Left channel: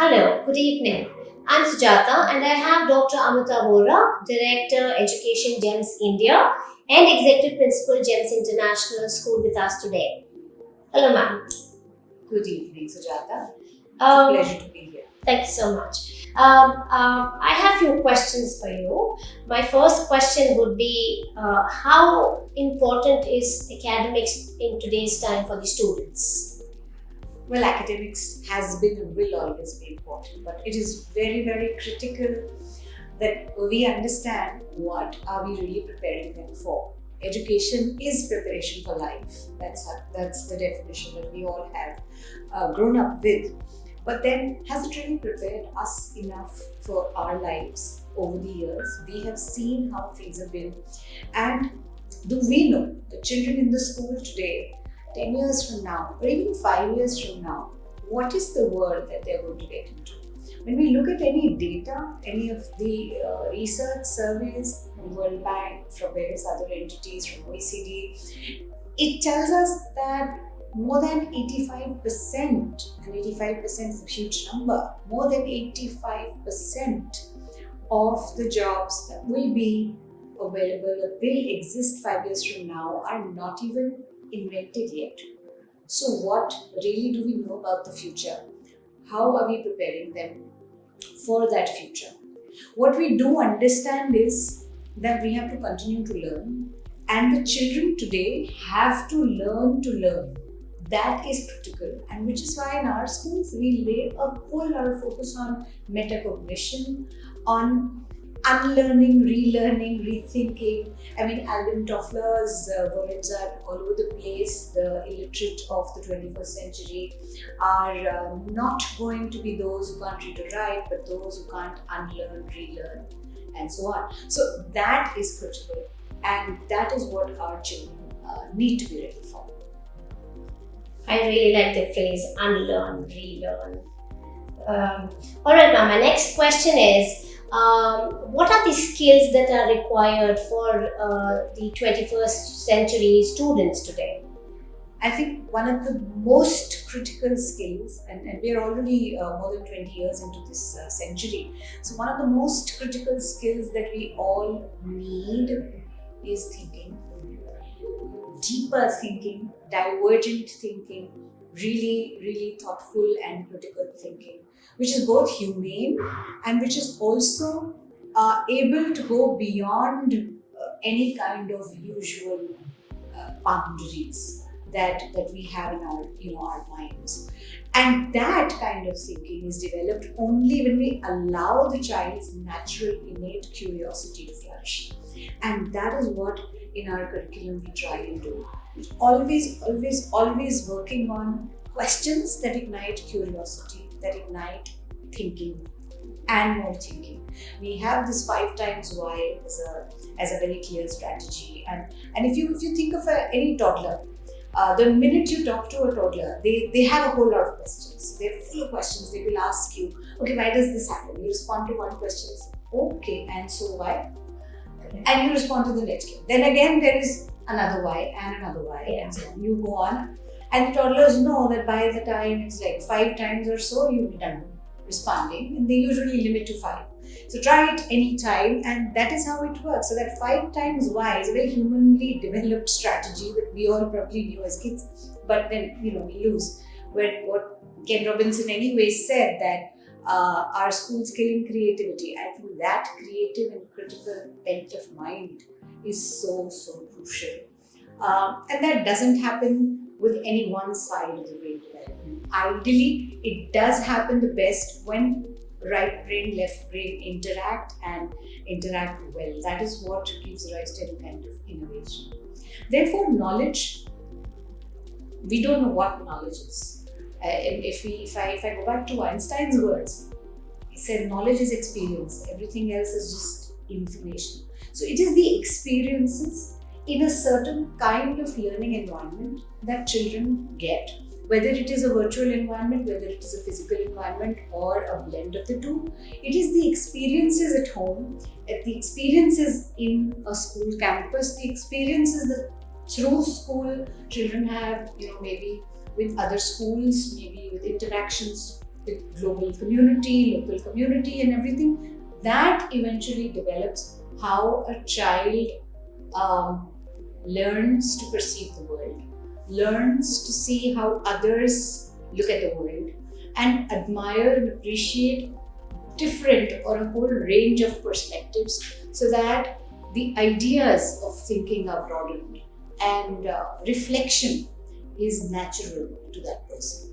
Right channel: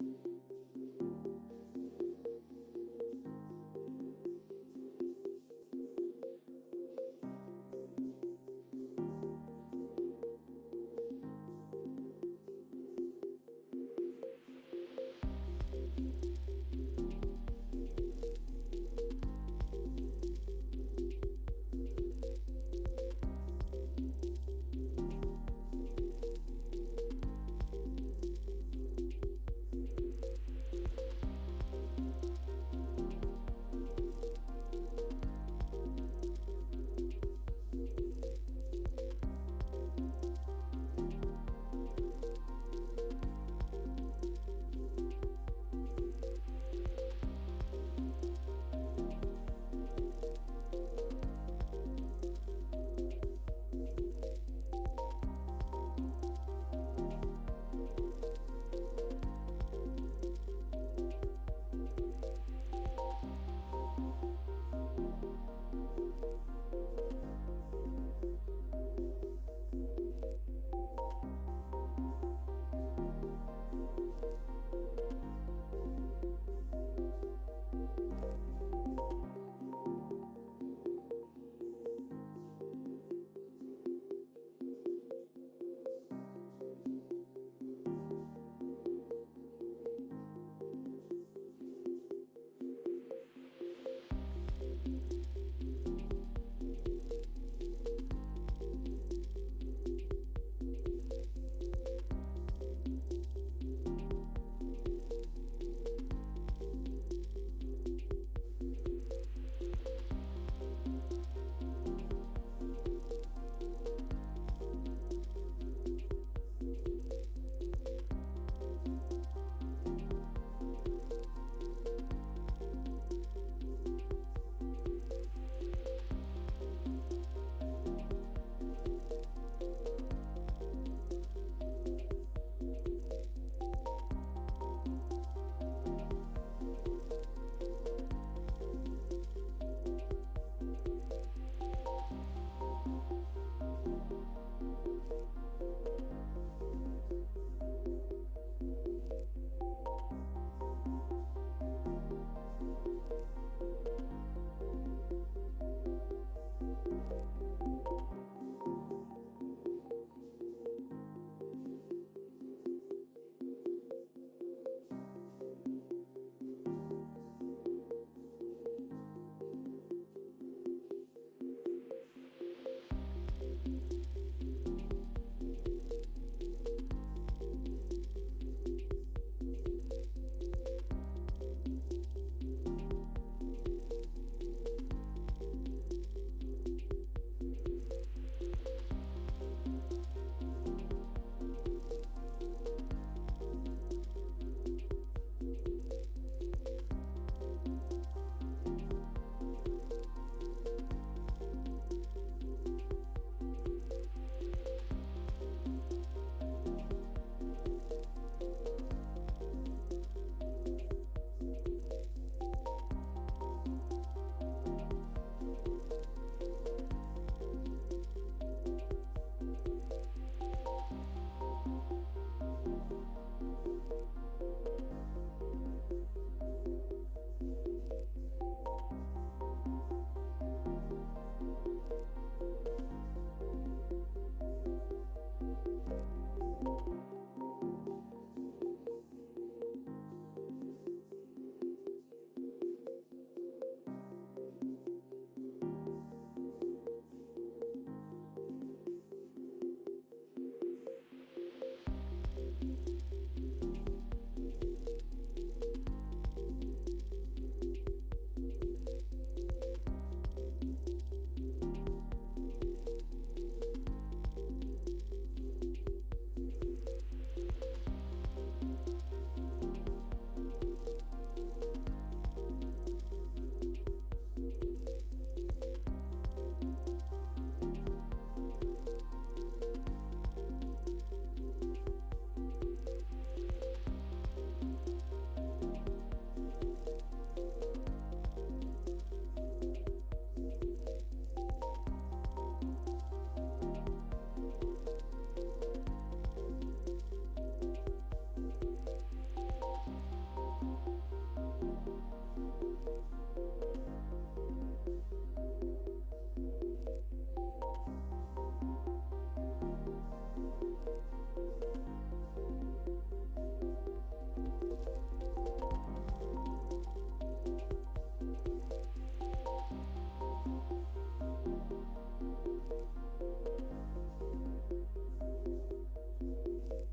Hello, good evening. I'm Sujata and I have Dr. Amrita Vohra, Director Education GEMS India and Executive Principal GEMS International School with us today. Hello ma'am. Good evening, Sujata. Um, Pleasure to be here. Thank you so much. I have few questions for you. My first question would be how important is academics in today's time for the students? Well, academics has been and will always be important, but it is very, very critical that we understand what are we really preparing them for. Education is preparation for life. That's the definition that we all have grown up with. But then, has it really prepared us enough for our lives over the years? We have seen how things have been, and do we know the children in the school today, 10 years from now, or even 5 years from now, what is the world that they're going to get into? When we look at any data, any of the research surveys, from World Bank, from various other entities, from OECD, it tells us that more than 85%, and 85% is a huge number, more than 85% of the jobs that will be available or will exist 5 years from now are not even invented yet. So, what really do we know about the future? How are we preparing them for that future? What we do understand is that we have to continue to learn, and the children today have to learn to learn. That is critical, and which is why in our schools we lay a whole lot of focus on metacognition, on unlearning, relearning, rethinking. I mean, Alvin Toffler's words are all over the place. The illiterate of the 21st century are not going to be those who can't read or write, but those who can't unlearn, relearn, and so on. So that is critical, and that is what our children need to be ready for. I really like the phrase unlearn, relearn. All right, ma'am. My next question is what are the skills that are required for the 21st century students today? I think one of the most critical skills, and we are already more than 20 years into this century, so one of the most critical skills that we all need is thinking. Deeper thinking, divergent thinking, really, really thoughtful and critical thinking, which is both humane and which is also able to go beyond any kind of usual boundaries that we have in our minds. And that kind of thinking is developed only when we allow the child's natural innate curiosity to flourish. And that is what in our curriculum we try and do. Always working on questions that ignite curiosity, that ignite thinking and more thinking. We have this 5 times why as a very clear strategy. And if you think of any toddler, the minute you talk to a toddler, they have a whole lot of questions. They're full of questions. They will ask you, okay, why does this happen? You respond to one question, okay, and so why? And you respond to the next one. Then again, there is another why and another why, and so on. You go on, and the toddlers know that by the time it's like 5 times or so, you'll be done responding, and they usually limit to 5. So try it any time, and that is how it works. So that 5 times why is a very humanly developed strategy that we all probably knew as kids, but then we lose. What Ken Robinson anyway said that our school's killing creativity. I think that creative and critical bent of mind is so crucial, and that doesn't happen with any one side of the brain development. Ideally, it does happen the best when right brain, left brain interact well. That is what gives rise to any kind of innovation. Therefore, knowledge, we don't know what knowledge is. If I go back to Einstein's words, he said knowledge is experience, everything else is just information. So it is the experiences in a certain kind of learning environment that children get, whether it is a virtual environment, whether it is a physical environment, or a blend of the two. It is the experiences at home, the experiences in a school campus, the experiences that through school children have, maybe with other schools, maybe with interactions with global global community, local community, and everything, that eventually develops how a child learns to perceive the world, learns to see how others look at the world, and admire and appreciate different or a whole range of perspectives, so that the ideas of thinking are broadened and reflection is natural to that person.